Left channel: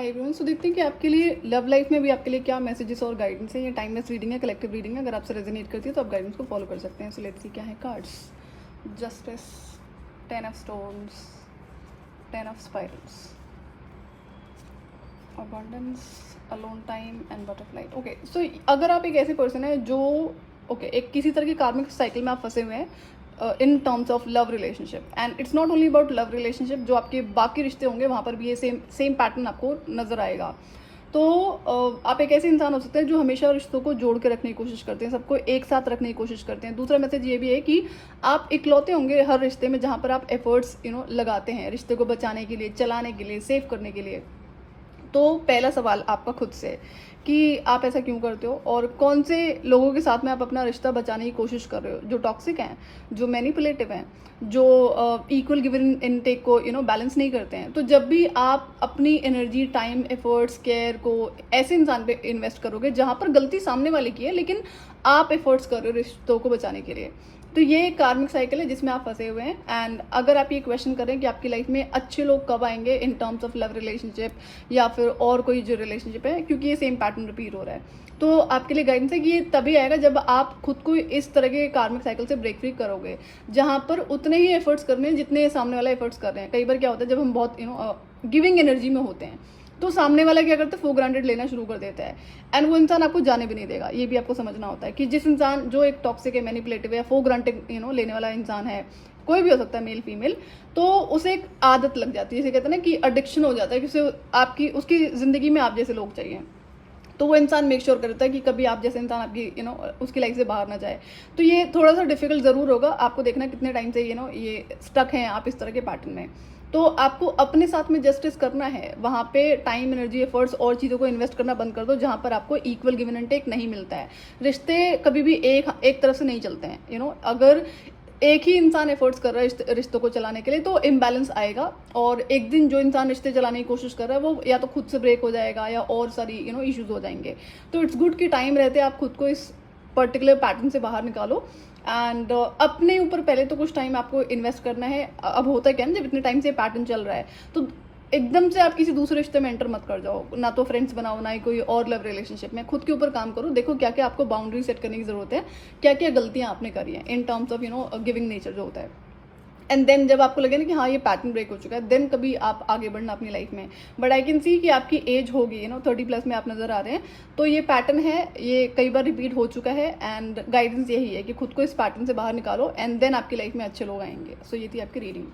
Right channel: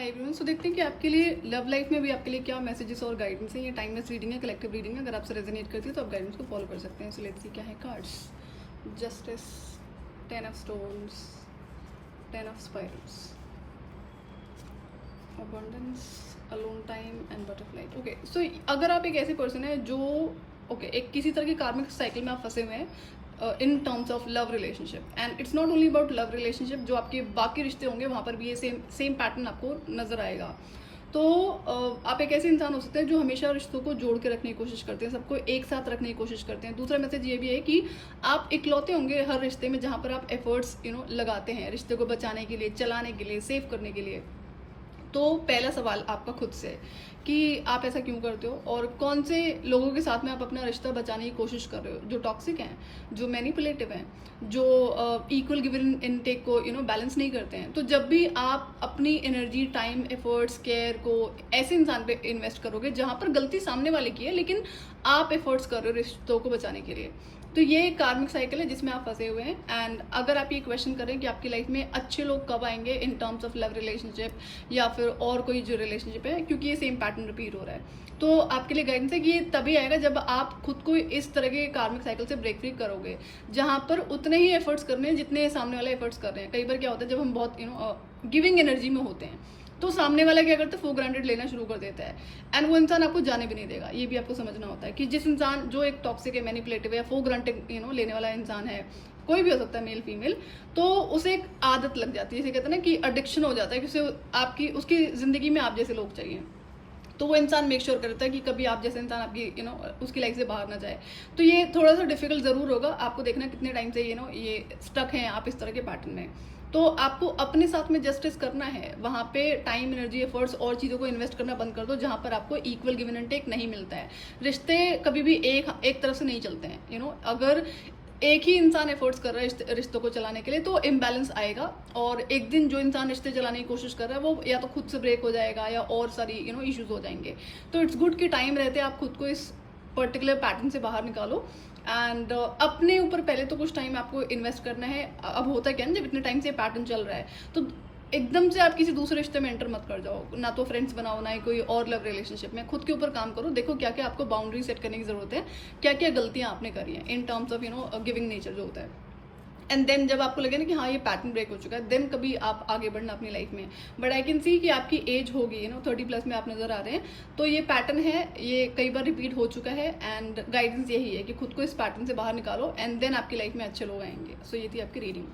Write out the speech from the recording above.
Hi everyone. सो देखते हैं कि आपके लिए लव लाइफ में भी आपके लिए क्या मैसेजेस और गाइडेंस है। ये टाइमलेस रीडिंग है, कलेक्टिव रीडिंग है। अगर आपसे रेजोनेट करती है तो आप गाइडेंस को फॉलो कर सकते हैं। सो लेट्स सी क्या है cards. Justice, 10 of stones, 10 of spirals, abundance, alone time and butterfly. Okay, so अगर आप एक ऐसे पर्सन है जो एक किसी तरह की कार्मिक साइकिल में आप फंसे हुए हैं in terms of love relationship, and it's not only about love relationship, जो आपके बाकी रिश्ते होंगे वहाँ पर भी ये सेम पैटर्न आपको नजर आएगा। तो आप एक ऐसे इंसान हो सकते हैं जो हमेशा रिश्तों को जोड़ के रखने की कोशिश करते हैं, सबको एक साथ रखने की कोशिश करते हैं। दूसरा मैसेज ये भी है कि आप इकलौते होंगे हर रिश्ते में जहाँ पर आप एफर्ट्स लगाते हैं रिश्ते को बचाने के लिए, चलाने के लिए, सेव करने के लिए। तो पहला सवाल आपका खुद से है कि आप ऐसा क्यों करते हो और कौन से लोगों के साथ में आप अपना रिश्ता बचाने की कोशिश कर रहे हो, जो टॉक्सिक हैं, जो मैनिपुलेटिव हैं, जो इक्वल गिवन इनटेक को बैलेंस नहीं करते हैं। तो जब भी आप अपनी एनर्जी, टाइम, एफर्ट्स, केयर को ऐसे इंसान पे इन्वेस्ट करोगे जहां पर गलती सामने वाले की है लेकिन आप एफर्ट्स कर रहे हो रिश्तों को बचाने के लिए, तो ये एक कार्मिक साइकिल है जिसमें आप फंसे हुए हैं। एंड अगर आप ये क्वेश्चन कर रहे हैं कि आपकी लाइफ में अच्छे लोग कब आएंगे in terms of love relationship या फिर और कोई जो रिलेशनशिप है, क्योंकि ये सेम पैटर्न रिपीट हो रहा है, तो आपके लिए गाइडेंस है कि ये तभी आएगा जब आप खुद को इस तरह के कार्मिक साइकिल से ब्रेक फ्री करोगे जहां पर उतने ही एफर्ट्स करने हैं जितने सामने वाला एफर्ट्स कर रहे हैं। कई बार क्या होता है जब हम बहुत गिविंग एनर्जी में होते हैं तो सामने वाला क्या करता है, फॉर ग्रांटेड लेना शुरू कर देता है, एंड वो इंसान आपको जाने भी नहीं देगा। ये भी आपको समझना होता है कि जिस इंसान जो एक टॉक्सिक है, मैनिपुलेटिव है, फॉर ग्रांटेड लेने वाला इंसान है, कोई भी हो सकता है, मेल फीमेल, तो उसे एक आदत लग जाती है, जैसे कहते हैं ना कि एडिक्शन हो जाता है कि उसे आपकी उसकी जिंदगी में आप जैसे लोग चाहिए। तो वो इंसान मेक श्योर करता है कि कभी आप जैसे इंसान आपकी उसकी लाइफ से बाहर ना जाए। तो ये थोड़ा सा डिफिकल्ट जरूर होगा, आपको देखना कितने टाइम से ये स्टक हैं आप इस तरह के पैटर्न में। तो आपको अपने साथ में जस्टिस करना है, वहां पे टाइम, एनर्जी, एफर्ट्स और चीजों को इन्वेस्ट करना बंद कर दो जहां पर आपको इक्वल गिवन एंड टेक नहीं मिलता है। रिश्ते कभी भी एक तरफ से नहीं चलते हैं। अगर एक ही इंसान एफर्ट्स कर रहा है रिश्तों को चलाने के लिए तो इम्बैलेंस आएगा, और एक दिन जो इंसान रिश्ते चलाने की कोशिश कर रहा है वो या तो खुद से ब्रेक हो जाएगा या और सारी इश्यूज हो जाएंगे। तो इट्स गुड कि टाइम रहते आप खुद को इस पर्टिकुलर पैटर्न से बाहर निकालो, एंड अपने ऊपर पहले तो कुछ टाइम आपको इन्वेस्ट करना है। अब होता क्या है, जब इतने टाइम से पैटर्न चल रहा है तो एकदम से आप किसी दूसरे रिश्ते में एंटर मत कर जाओ, ना तो फ्रेंड्स बनाओ ना ही कोई और लव रिलेशनशिप में। खुद के ऊपर काम करो, देखो क्या क्या आपको बाउंड्री सेट करने की जरूरत है, क्या क्या गलतियां आपने करी हैं in terms of giving nature जो होता है। एंड देन जब आपको लगे ना कि हाँ ये पैटर्न ब्रेक हो चुका है, देन कभी आप आगे बढ़ना अपनी लाइफ में। बट आई कैन सी कि आपकी एज होगी 30+ में आप नजर आ रहे हैं, तो ये पैटर्न है, ये कई बार रिपीट हो चुका है, एंड गाइडेंस यही है कि खुद को इस पैटर्न से बाहर निकालो, एंड देन आपकी लाइफ में अच्छे लोग आएंगे। सो ये थी आपकी रीडिंग।